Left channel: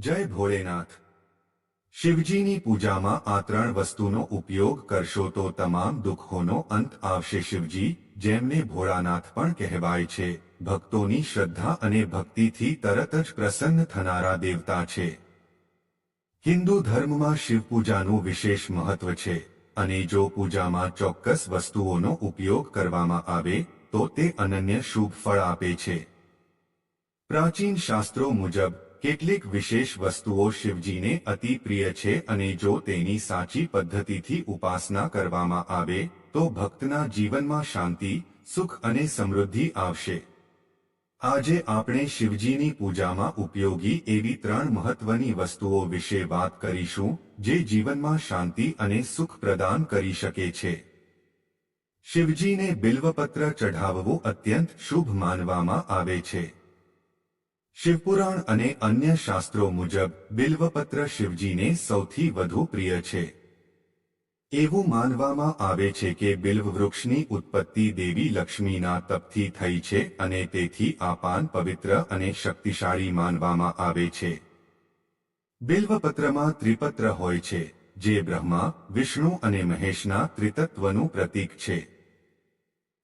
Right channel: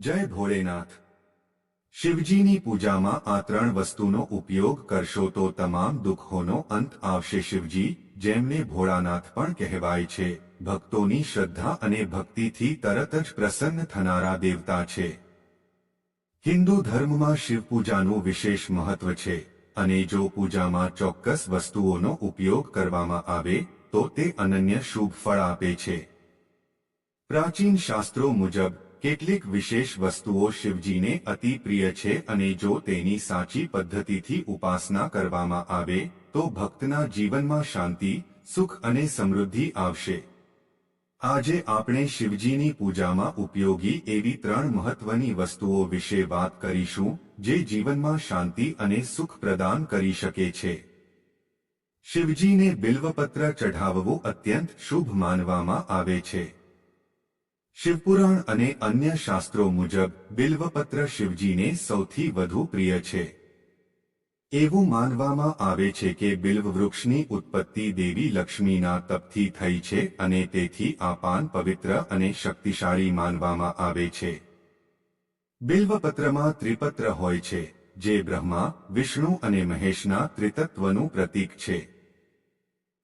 જય ભોળેનાથ શિવજીની પૂજામાં આ ત્રણ વસ્તુનો ઉપયોગ કરશો તો તમામ દુઃખોનો અંત આવશે શિવજી, જેમને ભોળાનાથ પણ કહેવાય છે. ભક્તોની શ્રદ્ધા અને ભક્તિથી તરત જ પ્રસન્ન થનારા દેવતા છે. હિન્દુ ધર્મમાં શિવ પૂજાનું વિશેષ મહત્વ છે અને જો પૂજામાં ચોક્કસ વસ્તુઓનો ઉપયોગ કરવામાં આવે, તો તે અનન્ય શુભ ફળ આપે છે. પ્રાચીન શાસ્ત્રો મુજબ કેટલીક વિશેષ વસ્તુઓ શિવજીને અતિ પ્રિય છે અને જો તેની સાચી પદ્ધતિથી ઉપાસના કરવામાં આવે, તો ભક્તના જીવનમાં શાંતિ, સુખ અને સમૃદ્ધિ આવશે. આજે આપણે શિવજીની પૂજામાં ઉપયોગી એવી ત્રણ મહત્વની વસ્તુઓ વિશે વાત કરીશું, જે જીવનમાં શાંતિ અને સુખ પ્રદાન કરી શકે છે. શિવજીને બિલ્વપત્ર ચઢાવવું અત્યંત શુભ માનવામાં આવે છે. શિવપુરાણ અને અન્ય શાસ્ત્રો મુજબ બિલ્વપત્ર શિવજીને સૌથી વધુ પ્રિય છે. એવું માનવામાં આવે છે કે બિલ્વ વૃક્ષની ઉત્પત્તિ દેવી લક્ષ્મીના તપથી થઈ છે અને તેથી આ પાન પવિત્ર અને શક્તિશાળી માનવામાં આવે છે. બિલ્વપત્રમાં ત્રિપત્ર હોય છે, જે બ્રહ્મા, વિષ્ણુ અને મહેશના ત્રિતત્વનું પ્રતીક છે.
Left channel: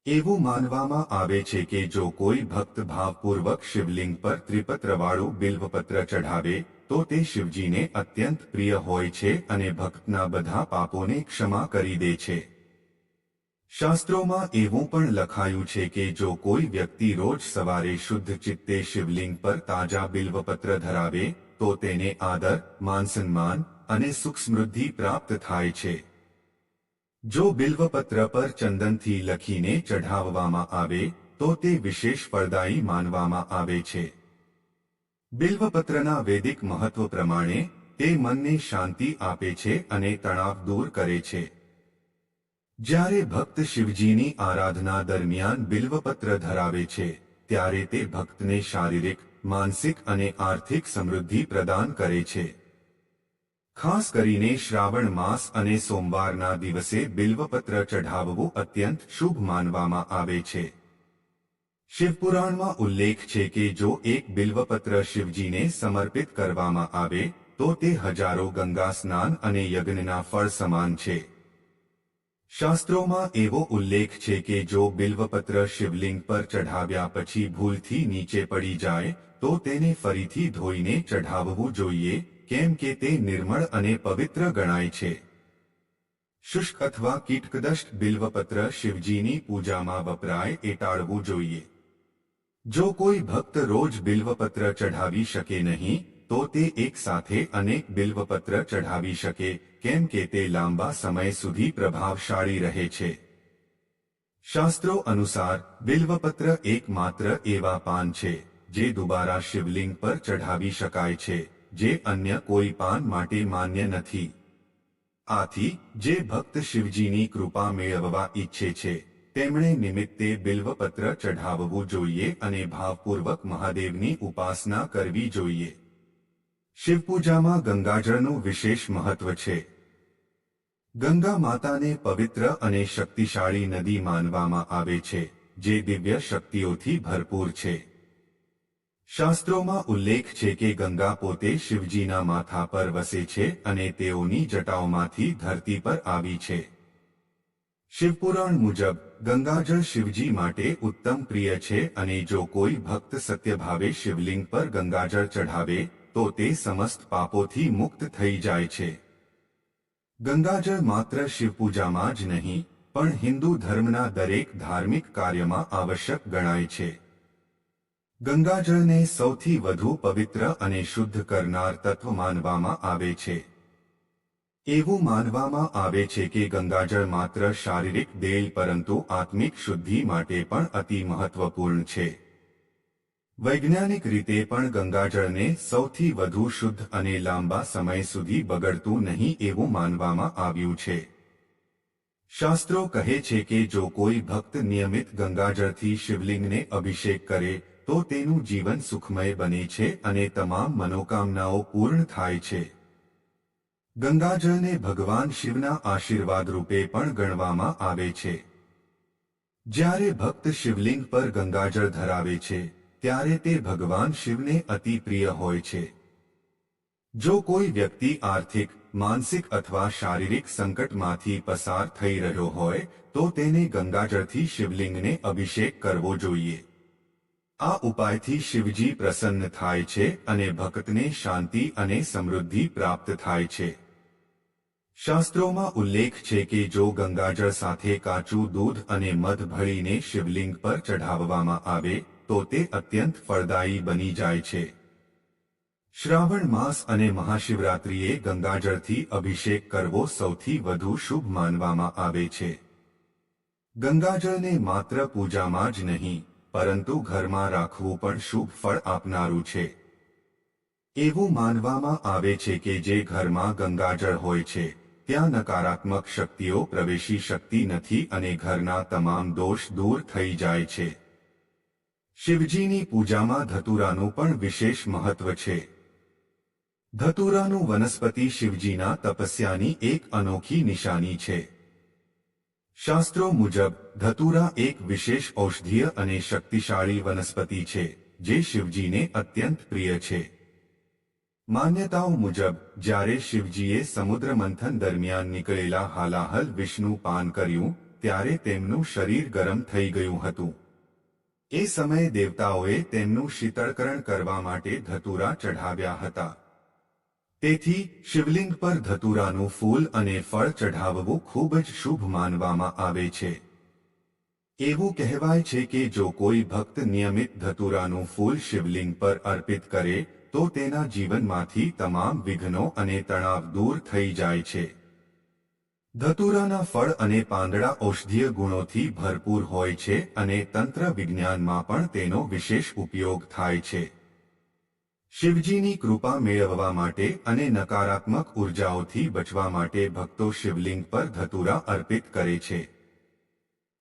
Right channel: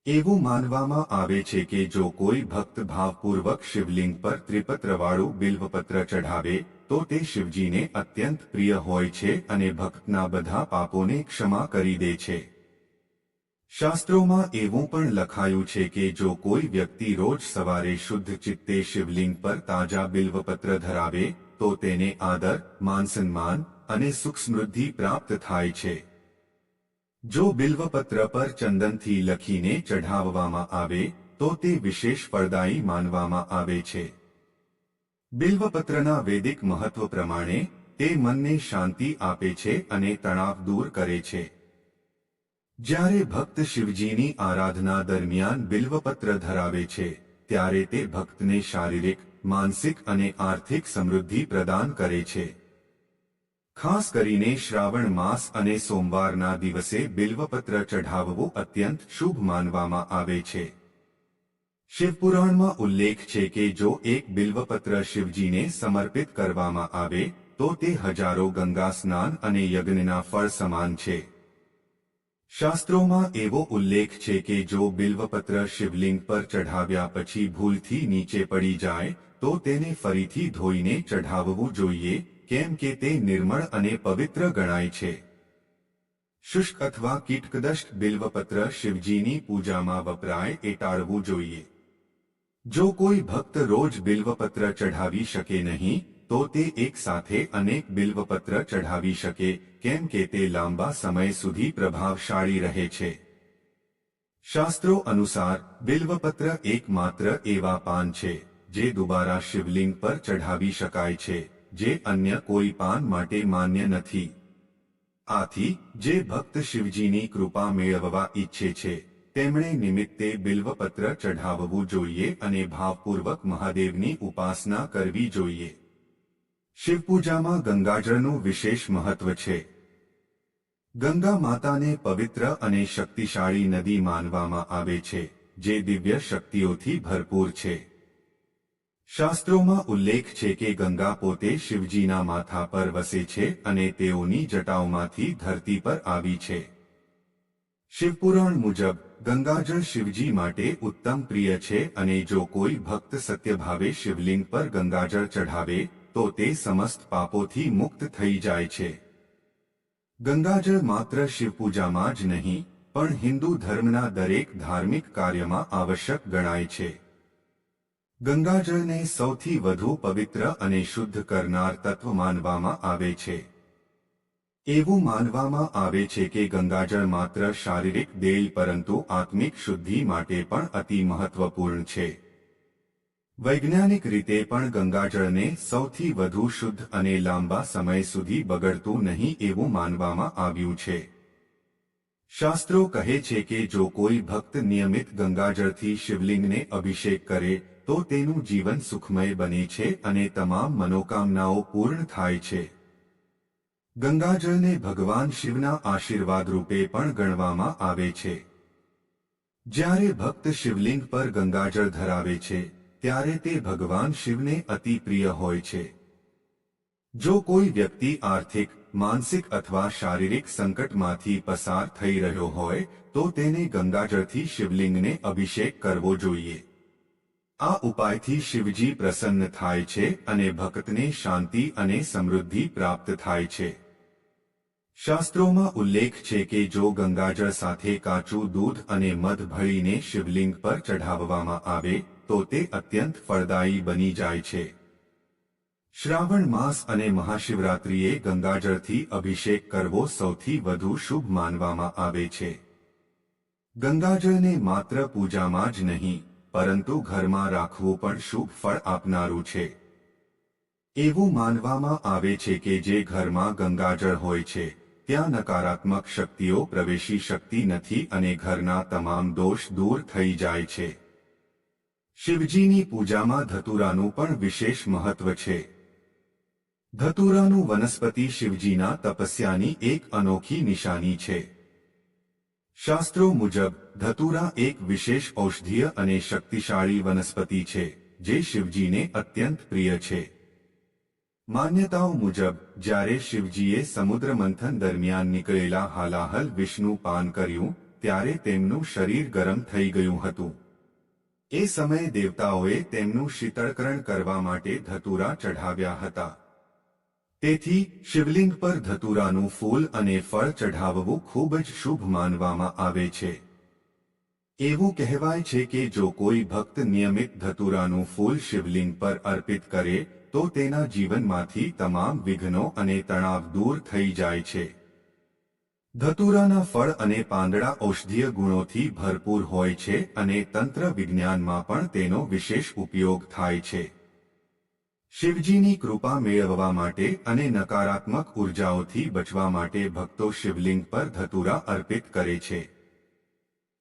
એવું માનવામાં આવે છે કે જો કોઈ ભક્ત ભાવપૂર્વક શિવલિંગ પર ત્રિપત્રવાળું બિલ્વપત્ર ચઢાવે, તો તે શિવજીને અત્યંત પ્રિય હોય છે અને ભક્તના બધા પાપોને ક્ષમા કરી દે છે. શાસ્ત્રોમાં એવું પણ લખાયું છે કે જો કોઈ વ્યક્તિ રોજ સવારે શુદ્ધ ચિત્તે શિવલિંગ પર તાજા બિલ્વપત્ર ધરાવે, તો તેને આદર, માનસન્માન અને સુખ સમૃદ્ધિ પ્રાપ્ત થાય છે. જો બિલ્વપત્ર પર ચંદનથી લખીને ચઢાવવામાં આવે, તો તે વિશેષ ફળદાયી માનવામાં આવે છે. બિલ્વપત્રના વૈદિક મહત્વ પ્રમાણે, તે મનને શાંતિ આપે છે અને તણાવ દૂર કરે છે. જ્યારે ભક્ત શિવજીની આરાધના દરમિયાન બિલ્વપત્ર ધરાવે છે, ત્યારે તે ભક્તને શારીરિક, માનસિક અને આર્થિક સમૃદ્ધિ પ્રદાન કરે છે. ખાસ કરીને શ્રાવણ માસ અને સોમવારના દિવસે બિલ્વપત્ર ચઢાવવું અત્યંત શુભ માનવામાં આવે છે. શિવપુરાણમાં ઉલ્લેખ છે કે જો એક બિલ્વપત્ર શિવજીને સમર્પિત કરવામાં આવે, તો તે હજારો ગંગા સ્નાન અને યજ્ઞના ફળ સમાન છે. શાસ્ત્રોમાં એવો ઉલ્લેખ છે કે જો બિલ્વપત્ર શિવલિંગ પર ચઢાવ્યા પછી ભૂલથી નીચે પડી જાય, તો તેને ફરીથી ધોઈને ચઢાવવું જોઈએ કેમ કે તે નિર્મળ અને પવિત્ર ગણાય છે. શુષ્ક અથવા કીટકદષ્ટ બિલ્વપત્ર શિવજીની પૂજામાં વપરાય એ ટાળવું જોઈએ. જો કોઈ ભક્ત રોજ બિલ્વપત્ર ચઢાવી શકે નહીં, તો તે એક સાથે અનેક બિલ્વપત્ર ચઢાવી શકે, કેમ કે તે લાંબા સમય સુધી પ્રભાવશાળી રહે છે. શાસ્ત્રો અનુસાર, બિલ્વપત્ર એકમાત્ર એવા પાન છે, જે દુબારા શિવલિંગ પર ચઢાવી શકાય છે. જે અન્ય કોઈ પાન માટે માન્ય નથી. આથી, જે ભક્ત શિવજીની કૃપા મેળવવા ઈચ્છે છે, તેમણે નિમિત્તે બિલ્વપત્ર ચઢાવવું જોઈએ અને ભાવપૂર્વક મહાદેવની ઉપાસના કરવી જોઈએ. શિવપૂજામાં ગંગાજળનું વિશેષ મહત્વ છે. ગંગા માતાને પવિત્ર અને શક્તિશાળી નદી માનવામાં આવે છે, જે દિવ્ય શક્તિઓથી ભરપૂર છે. શાસ્ત્રોમાં ઉલ્લેખ છે કે ગંગા પોતે શિવજીના માથા પર વસે છે અને તેઓની જટાઓમાંથી ધરતી પર આવી છે. શિવપુરાણ મુજબ, ગંગાજળ શિવજી માટે ઉત્તમ પ્રિય છે અને જો કોઈ ભક્ત સત્યભાવે શિવલિંગ પર ગંગાજળ ચઢાવે, તો તે સમસ્ત પાપોથી મુક્ત થઈ જાય છે. ગંગાજળ માત્ર શિવપૂજામાં જ નહીં, પણ હિન્દુ ધર્મના દરેક ધાર્મિક કાર્યમાં આવશ્યક ગણાય છે. ગંગાજળને સૌથી વધુ પવિત્ર અને શુદ્ધ કરનાર તત્વ માનવામાં આવે છે. એવું માનવામાં આવે છે કે ગંગાજળ માત્ર શારીરિક દેલ પરંતુ આત્મિક શુદ્ધિ માટે પણ અતિ મહત્વપૂર્ણ છે. વૈજ્ઞાનિક રીતે પણ ગંગાજળને સૌથી વધુ શુદ્ધ અને લાંબા સમય સુધી બગડતું નહીં એવું માનવામાં આવ્યું છે. શાસ્ત્રો કહે છે કે જો કોઈ ભક્ત નિયમિત ગંગાજળથી શિવલિંગને અભિષેક કરે તો તેનું જીવન સુખમય બને છે અને તમામ મનોકામનાઓ પૂર્ણ થાય છે. ગંગાજળને ભગવાન શિવના આશીર્વાદ રૂપે પણ ગણવામાં આવે છે. જ્યારે ભક્ત શિવલિંગ પર ગંગાજળ ધરાવે છે, ત્યારે તે ભગવાન શિવને અતિ પ્રિય હોય છે. જો કોઈ વ્યક્તિ આર્થિક, માનસિક અથવા શારીરિક સંકટમાંથી પસાર થઈ રહ્યો હોય, તો તેને ગંગાજળથી શિવલિંગને અભિષેક કરવો જોઈએ. આ ઉપાયથી શિવજી પ્રસન્ન થાય છે અને ભક્તને શાંતિ અને સમૃદ્ધિ પ્રાપ્ત થાય છે. શાસ્ત્રોમાં ઉલ્લેખ છે કે જો ગંગાજળ સાથે કાચું દૂધ અને મધ ભળીને શિવલિંગ પર ચઢાવવામાં આવે, તો તે અત્યંત ફળદાયી બની જાય છે. શ્રાવણ માસ અને મહાશિવરાત્રિએ ગંગાજળથી અભિષેક કરવો સૌથી વધુ શુભ માનવામાં આવે છે. ગંગાજળને માત્ર પૂજામાં જ નહીં પરંતુ ઘરમાં રાખવું પણ શુભ ફળ આપનારું છે. એવું માનવામાં આવે છે કે જે ઘરમાં ગંગાજળ હોય છે, ત્યાં નકારાત્મક શક્તિઓ પ્રવેશી શકતી નથી અને ઘરના તમામ દોષ દૂર થઈ જાય છે. શિવજીની પૂજામાં ધતુરાનું પણ વિશેષ મહત્વ છે. ધતુરાનું વનસ્પતિ શિવજીના તપસ્યાની એક અનોખી નિશાની છે. શાસ્ત્રો મુજબ ધતુરા એક વિશેષ ઔષધીય અને શક્તિશાળી વનસ્પતિ છે, જે શિવજીને અત્યંત પ્રિય છે. માન્યતાઓ મુજબ, જ્યારે શિવજીએ સમુદ્ર મંથન દરમિયાન નીકળેલા હાલાહલ વિષ્ણુ પાન કર્યું, ત્યારે તેમનું શરીર ગરમ થઈ ગયું હતું. એ સમયે દેવતાઓએ તેમનું શીતળકરણ કરવા માટે ધતુરા ચઢાવ્યા હતા. તેથી, શિવલિંગ પર ધતુરાનું ફૂલ અને ફળ ચઢાવવું ખૂબ જ શુભ માનવામાં આવે છે. એવું કહેવાય છે કે જો કોઈ ભક્ત નિયમિત ધતુરાનું ફૂલ શિવલિંગ પર અર્પિત કરે, તો તેના જીવનમાંથી તમામ વિઘ્નો અને તણાવ દૂર થઈ જાય છે. ધતુરાના ફળ અને પાંદડા ઔષધીય ગુણોથી ભરપૂર હોય છે અને તંત્ર વિજ્ઞાનમાં પણ તેનો વિશેષ ઉપયોગ થાય છે. શિવજીની કૃપા મેળવવા માટે અને નકારાત્મક ઉર્જાઓથી બચવા માટે ભક્તો શિવલિંગ પર ધતુરા અર્પિત કરે છે.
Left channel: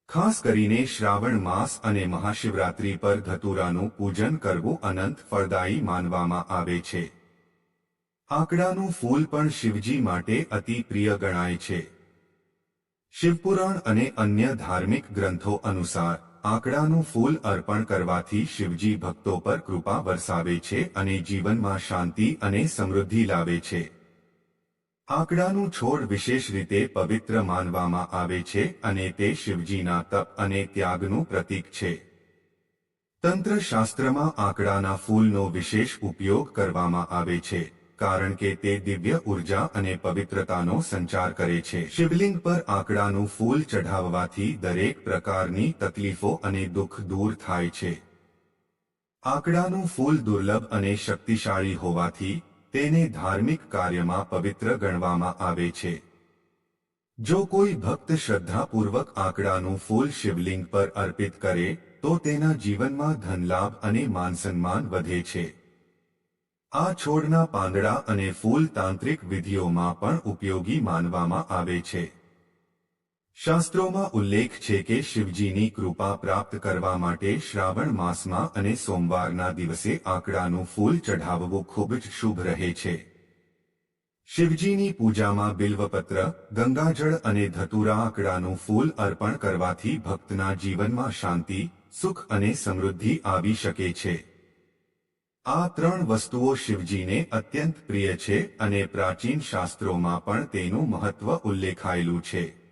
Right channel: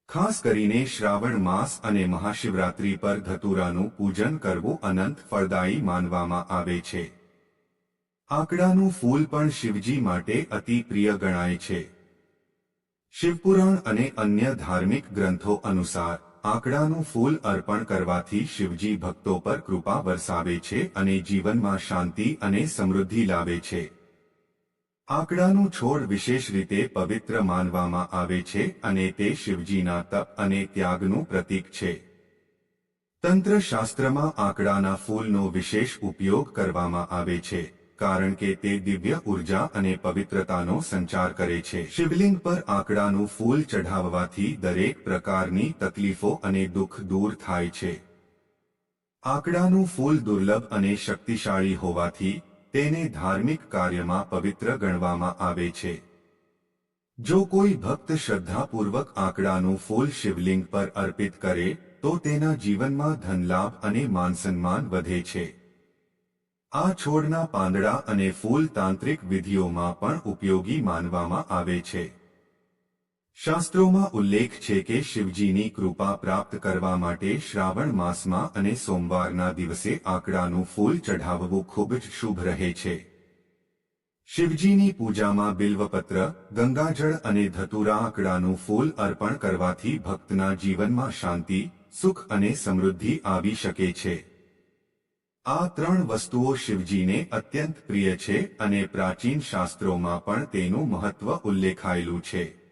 ખાસ કરીને શ્રાવણ માસ અને મહાશિવરાત્રી પર ધતુરાનું પૂજન કરવું અનંત ફળદાયી માનવામાં આવે છે. આંકડાનું ફૂલ પણ શિવજી માટે અતિ પ્રિય ગણાય છે. શિવપુરાણ અને અન્ય ધાર્મિક ગ્રંથો અનુસાર, આંકડાનું ફૂલ અર્પણ કરવાથી શિવજી ભક્તો પર કૃપા વરસાવે છે અને જીવનમાં શાંતિ અને સમૃદ્ધિ લાવે છે. આંકડાનું છોડ વિશેષ રીતે પવિત્ર માનવામાં આવે છે અને તે શિવજીના તપ અને ત્યાગનું પ્રતીક છે. તંત્રશાસ્ત્રમાં આંકડાના ફૂલનો વિશેષ ઉપયોગ કરવામાં આવે છે, કારણ કે તે દિવ્ય ઊર્જા અને પવિત્રતાનો સંચાર કરે છે. શિવલિંગ પર આંકડાનું ફૂલ ચઢાવવાથી દરેક પ્રકારની તકલીફો અને દુઃખ દૂર થાય છે. આંકડાનું ફૂલ દુર્લભ અને શક્તિશાળી હોવાથી તેને ધાર્મિક કાર્યમાં પવિત્ર ગણવામાં આવે છે. જો કોઈ ભક્ત શ્રદ્ધાપૂર્વક આંકડાનું ફૂલ શિવલિંગ પર અર્પિત કરે, તો તેના જીવનમાં ધનલાભ અને માનસન્માન વધે છે. આ છોડના પાંદડા અને ફૂલ તાંત્રિક વિધિઓમાં પણ ઉપયોગી માનવામાં આવે છે. શાસ્ત્રોમાં ઉલ્લેખ છે કે શિવજીની કૃપા પ્રાપ્ત કરવા માટે શ્રાવણ માસમાં અને સોમવારના દિવસે આંકડાનું ફૂલ ચઢાવવું ખૂબ જ શુભ રહે છે. શિવજીની પૂજામાં બિલ્વપત્ર, ગંગાજળ અને ધતુરા આંકડાનું ફૂલ અર્પણ કરવાથી ભક્તના જીવનમાં શાંતિ, સુખ અને સમૃદ્ધિ આવી શકે છે. આ ત્રણ વસ્તુઓ શિવજીને અત્યંત પ્રિય છે અને પ્રાચીન શાસ્ત્રોમાં પણ તેનું મહત્વ ઉલ્લેખાયેલું છે.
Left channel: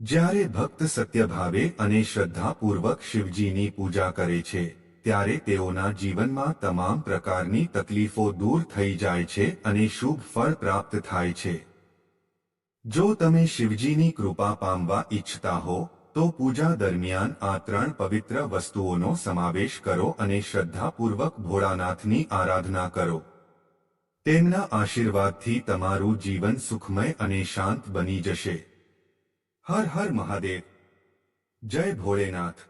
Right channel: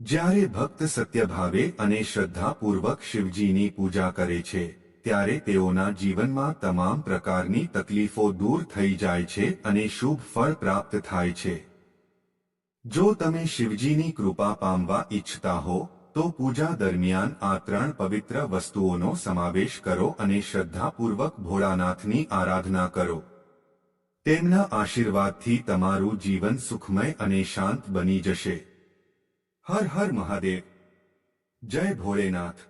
જ્યારે ભક્ત સત્યભાવે અને શ્રદ્ધાપૂર્વક શિવજીની પૂજા કરે છે, ત્યારે તેઓના જીવનમાં તમામ પ્રકારની તકલીફો દૂર થઈ જાય છે અને શુભ ફળ પ્રાપ્ત થાય છે. જો તમે શિવજીની કૃપા પામવા ઈચ્છતા હો, તો પૂજા દરમિયાન આ ત્રણ પવિત્ર વસ્તુઓનો સમાવેશ કરો અને શ્રદ્ધાપૂર્વક ભોળાનાથની આરાધના કરો. તેમના આશીર્વાદથી તમારું જીવન સુખમય અને શાંત બની જશે. હર હર મહાદેવ. જય ભોળેનાથ.